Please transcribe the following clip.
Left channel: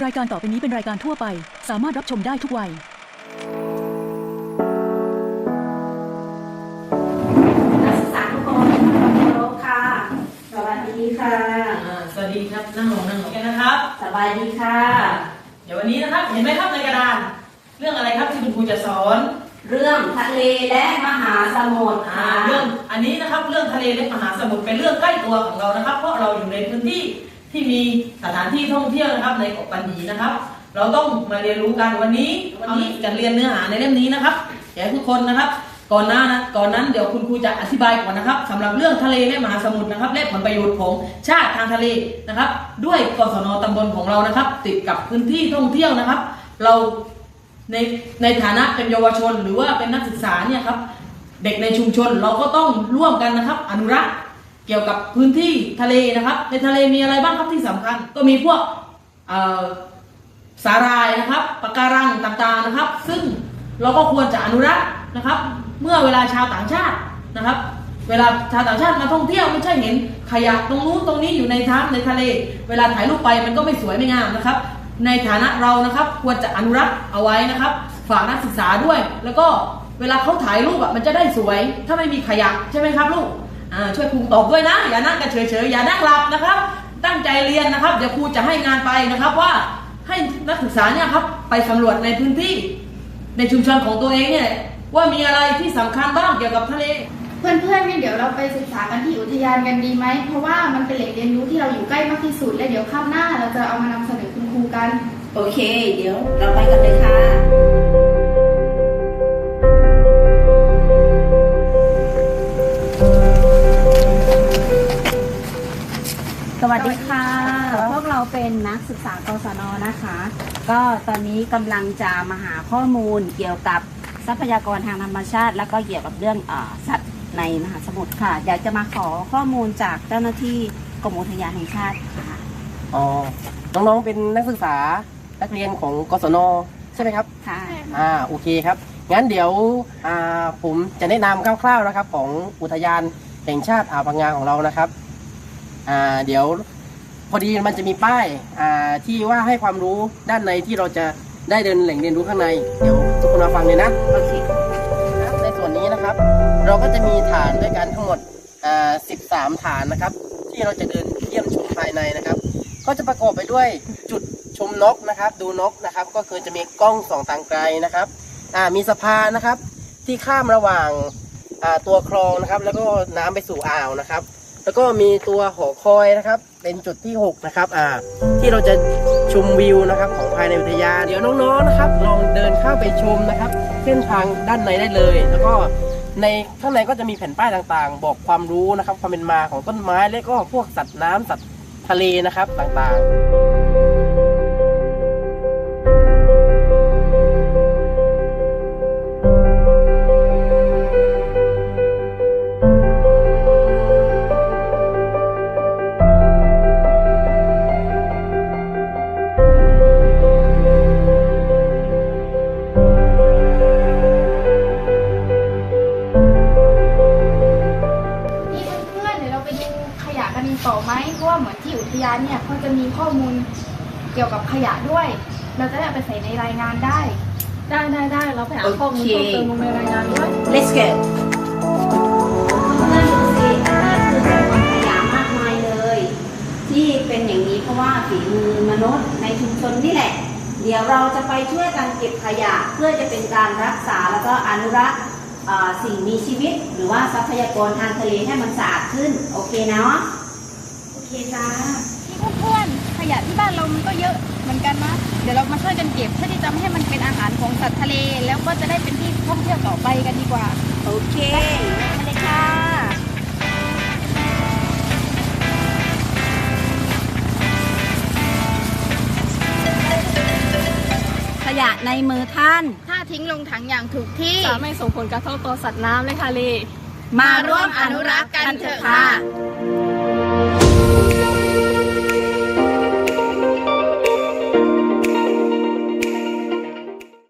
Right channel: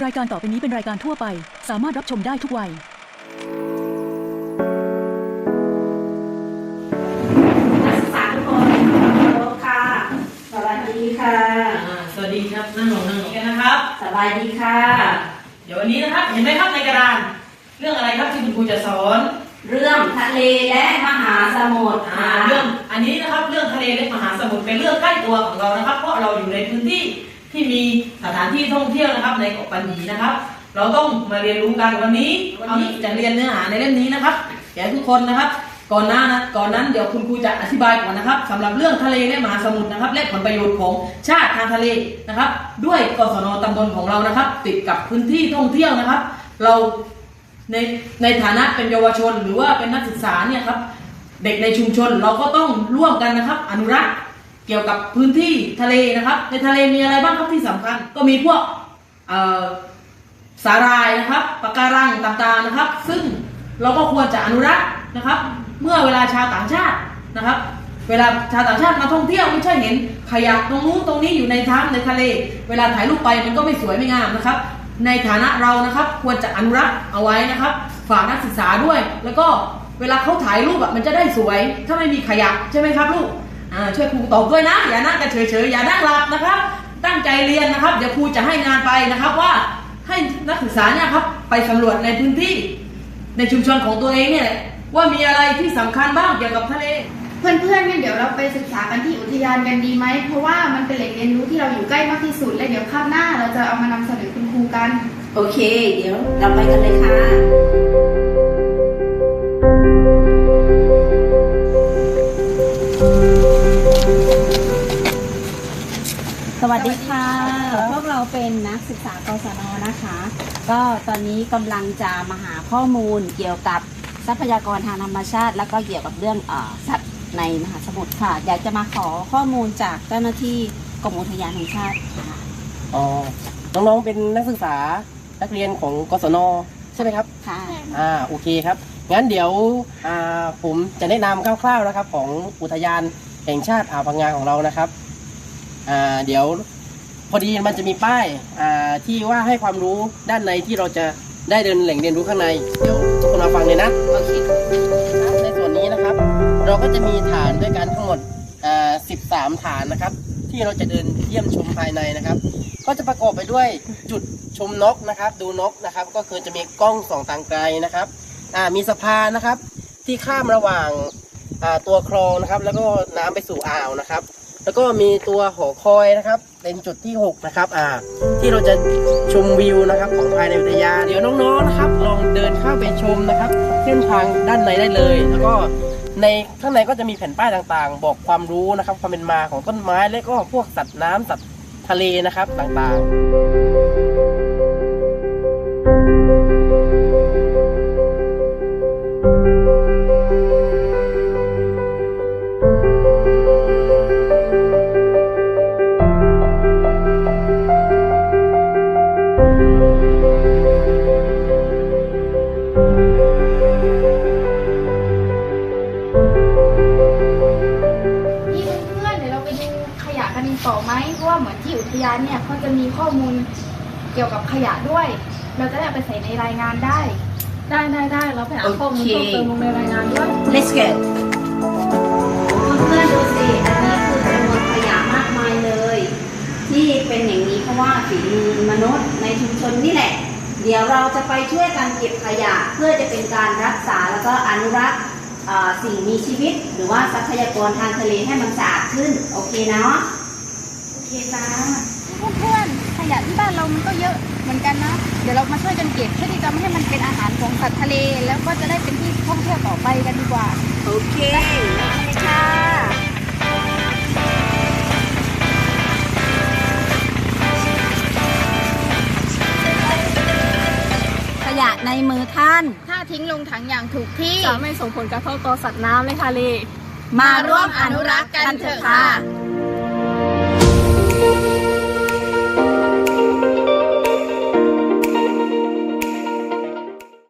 รายการต่อไปนี้เป็นรายการทั่วไป สามารถรับชมได้ทุกวัย นักศึกษาทุกคนเคารพค่ะ สวัสดีค่ะ อ่าสวัสดีครับนั่งลงนั่งลงกันนะครับ สบายดีค่ะ เดี๋ยววันนี้นะครับเห็นไหมครับในกระดาน เรื่องอะไรครับที่คุณครูจะสอนเรื่องทะเลและมหาสมุทรอ่าค่ะ เรื่องอันนี้นะครับเรื่องทะเลและมหาสมุทรเป็นเรื่องใกล้ตัวของเรานะครับ เพราะเราอยู่ในพื้นที่ ที่มีสถานที่ท่องเที่ยวนะครับ ในเกาะปัญญีนะครับ เราต้องมาเรียนรู้กันวันนี้วันนี้จะเรียนเนื้อหาในเล่มนี้นะครับแก่ทุกคนนะครับ ก่อนหน้านะก่อนนั้นเดี๋ยวคุณครูจะอธิบายก่อนนะครับสำหรับเรื่องทะเลและมหาสมุทรนะครับ และผลประโยชน์ของชาติทางทะเลนะครับ ด้วยกศนตำบลของเรานะครับ ติดกับพื้นที่ท่องเที่ยวนะครับ เราในในฐานะเป็นเยาวชน หรือว่าเป็นนักศึกษาเนี่ยครับเด็กในชุมชนเราก็ต้องร่วมกันนะครับ อนุรักษ์ เกี่ยวกับพื้นที่ทะเลนะครับ ในทะเลมีอะไรบ้างครับที่สำคัญ ก็มีพวกสาหร่ายนะครับปะการังต่างๆนะครับ ซึ่งเราก็ควรจะอนุรักษ์นะครับ เมื่อเวลาชาวต่างชาตินะครับ เวลาชาวต่างชาติมาท่องเที่ยวไม่ใช่เห็นขยะตรงนู้นตรงนี้อยู่ในท้ำในทะเล เวลาถ่ายรูปไปมันก็ไม่สวยไม่งามนะครับ ในฐานะเรานะครับควรจะอนุรักษ์เอาไว้นะครับ ฝากนักศึกษาด้วย แล้วก็เวลาเขาถ่ายรูปอะมันจะได้สวย ถ้าไม่มีขยะใช่ไหมครับลูก ช่วยครูตอบด้วยนะ อย่านั่งกันเฉยๆอย่านั่งหลับนะครับ ตั้งใจเรียนนะครับ เดี๋ยวครูจะให้งานไปนะครับว่าให้นักศึกษาเนี่ยครับไปสำรวจในพื้นที่ ในชุมชนของตัวเองเนี่ยว่ามีอะไรที่สำคัญบ้างเกี่ยวกับทะเล เพื่อนๆงั้นเดี๋ยวเราไปศึกษากันที่อุทยานกันดีไหม เพราะว่ามันเป็นแหล่งเรียนรู้ที่เราอยู่ใกล้มากที่สุดและเดี๋ยวคาบหน้าเราจะเอามานำเสนอคุณครูกัน โอเค เดี๋ยวเราไปกันเลยค่ะ สวัสดีค่ะ พวกเราเป็นนักศึกษากศนนะคะ ก็ตอนนี้กำลังจะมาหาข้อมูลเกี่ยวกับทรัพยากรทางธรรมชาติ และก็เกี่ยวกับเรื่องเออสัตว์ในมหาสมุทรค่ะอยากจะมาขอข้อมูลจากเจ้าหน้าที่กรมอุทยานแห่งชาติค่ะอ๋อน้องๆเป็นนักศึกษานักเรียนของกศนใช่ไหมครับค่ะอ่าโอเคครับงั้นเดี๋ยวอ่าผมจะแนะนำคร่าวๆนะครับ ของอุทยานแห่งชาติอ่าวพังงาของเรานะครับ อ่าเดี๋ยวพอดีมันจะมีป้ายอ่าที่ว่าให้ความรู้ด้านในที่เราจะได้เดินแหล่งเรียนรู้ข้างใน เดี๋ยวทุกคนมาฟังเลยนะโอเคครับในส่วนนี้นะครับ เราก็จะมีฐานด้วยกันทั้งหมดอ่า13 ฐานนะครับ ที่เราจะเดินเยี่ยมชมภายในนะครับ ก็จะประกอบไปด้วยจุดชมนกนะครับ ดูนกนะครับ ก็คือจะมีกล้องส่องทางไกลนะครับอ่ามีสะพานนะครับ ที่ข้ามระหว่างตัวคลองนะครับ แล้วก็น้ำไปสู่อ่าวนะครับ แล้วก็มีตัวหอคอยนะครับ เป็นจุดที่หกนะครับอ่าที่เราจะชมวิวนะครับของภายในอุทยานเดี๋ยวน้องๆนะครับลองเดินเข้าไปชมนะครับ เส้นทางด้านในได้เลย แล้วก็ในข้างในก็จะมีแผ่นป้ายต่างๆ บอกความรู้นะครับความเป็นมาของต้นไม้และก็พวกสัตว์น้ำสัตว์ทะเลนะครับต่างๆ ยะกันต่อไหมเพราะว่าเหมือนที่อุทยานเนี่ยเขาจะมีข้อมูลเกี่ยวกับขยะด้วย เราจะได้เอาไปใส่ในรายงานได้ ได้ได้ได้เราไปหาข้อมูลเพิ่มเติมลงในรายงานด้วย Let's get เพื่อนๆดูสิอันนี้คือจำนวนขยะมากมายเลย ที่เป็นอย่างนี้เพราะว่าฝีมือมนุษย์ในชุมชนนี่แหละ เดี๋ยวเราจะไปช่วยกันเก็บขยะเพื่อจะเป็นการรักษาแล้วก็อนุรักษ์เอ่อ สิ่งมีชีวิตหรือว่าทรัพยากรทางทะเลให้มันสะอาดขึ้น โอเคเนาะโอเคจ้านี่เพื่อนๆขยะที่บ้านเรามันก็เยอะเหมือนกันนะเดี๋ยวเรามาช่วยกันเก็บเพื่อที่จะไม่ให้มันเป็นอาหารของสัตว์ทะเล แล้วก็จะได้เป็นที่ท่องเที่ยวต่อไปกันดีกว่า โอเค ในมือท่าน ถ้าทิ้งลงถังอย่างถูกที่ จะไม่ส่งผลกระทบต่อสัตว์น้ำและทะเลมาร่วมอนุรักษ์กันเถอะค่ะค